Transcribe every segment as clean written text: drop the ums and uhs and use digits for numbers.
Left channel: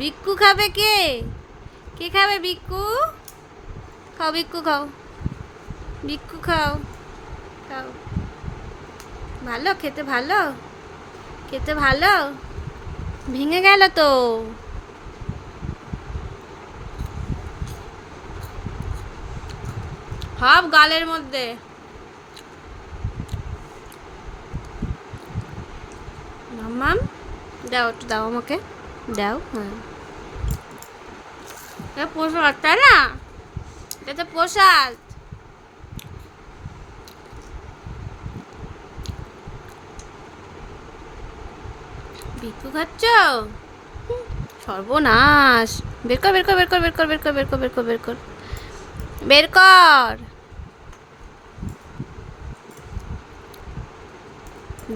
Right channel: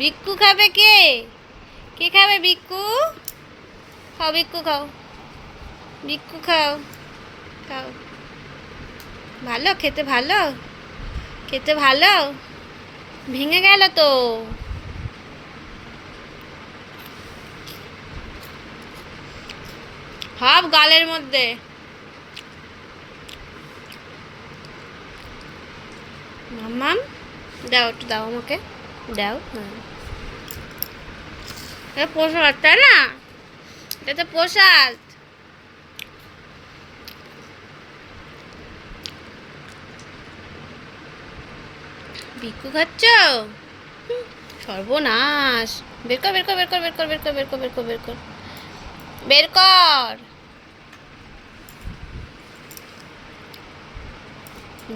বিক্কু খাবে কে? কে খাবে? বিক্কু খাও, বিক্কু খাও, বিক্কু খাও, খাও। ভালো খেতে, ভালো খেতে, ভালো। ভেঙে গেল তো। সব গালের মধ্যে। মাম্মাম দাও, একটু দাও আমাকে, দাও। এটা প্রসাদ, তাই না? এটা তো প্রসাদ। বিক্কু খাচ্ছ? সর্বনাশ। বের কর, বের কর, বের কর, বের কর, বের কর, বের কর, বের কর, বের কর, বের কর।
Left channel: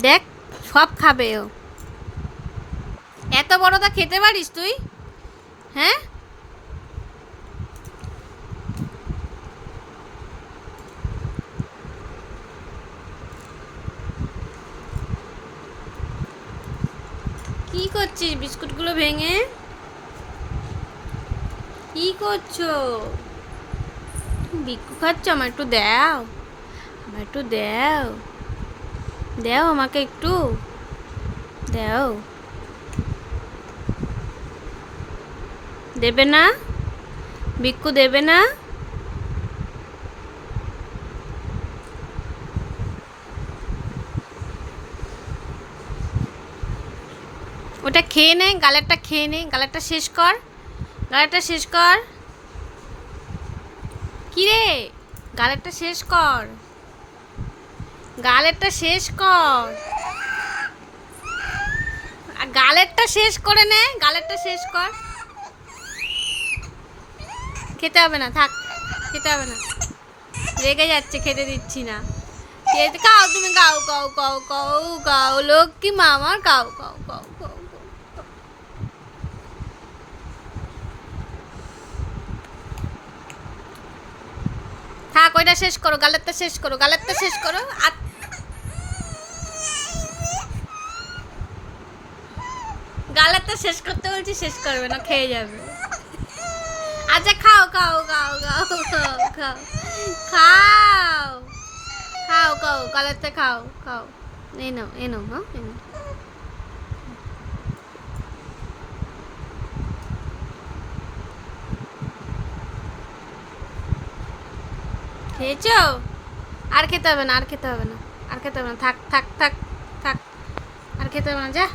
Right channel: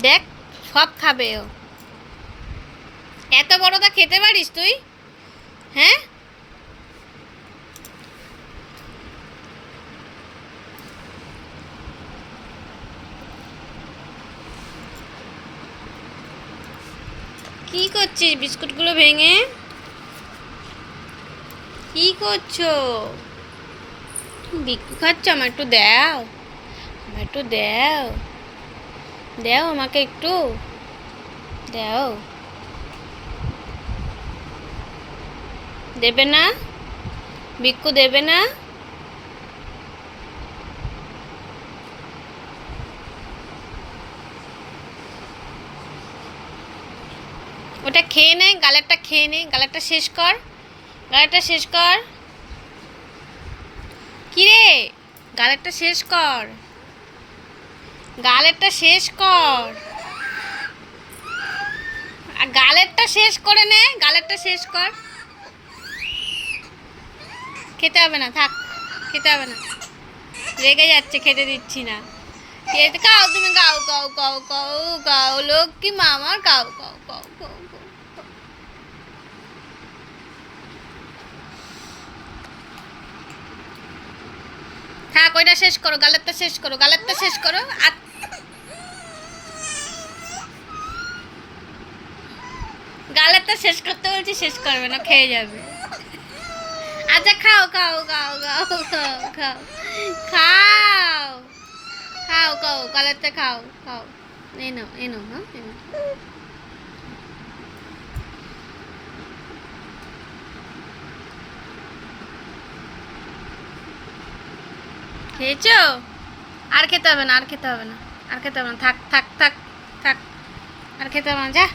দেখ, সব খাবে ও। এত বড়টা খেতে পারিস তুই? হ্যাঁ, কি করছিস বিস্কুটগুলো ভেঙে? কি করছো? বিক্কু খাচ্ছ? আমার একটু দাও, আমার একটু দাও, দাও আমাকে একটু দাও। দেবে না? বিক্কু দেবে না? ওটা খেয়ে নে, গালেরটা খেয়ে নে, গালেরটা শেষ কর, গালেরটা শেষ কর। কি রে, গালেরটা শেষ কর, গালেরটা শেষ কর, গালেরটা শেষ করে নে, গালেরটা শেষ কর। খেতে হবে না, থাক, খেতে হবে না। রেগে যাচ্ছে, খেতে দিচ্ছি না। খেতে খাও, তুমি খাও, খাও, খাও, খাও, খাও, লক্ষ্মী মামা, খাও, খাও, খাও, খাও, খাও। থাক, ওইটা শেষ করো, গালেরটা শেষ করো, গালেরটা শেষ করো। আর গালেরটা শেষ করতে বলছি, শেষ করবে না, খেয়ে যাবে। আচ্ছা খাও, খাও, খাও, খাও, খাও, খাও, খাও, খাও, খাও, গালেরটা খাও, খাও। এই নাও, এই নাও, হ্যাঁ, এই নাও। খেয়েছো? আর খেতে হবে না, আর খেতে হবে না, আর খেতে হবে না, থাক, থাক, থাক, থাক, আর খেতে হবে না, যা।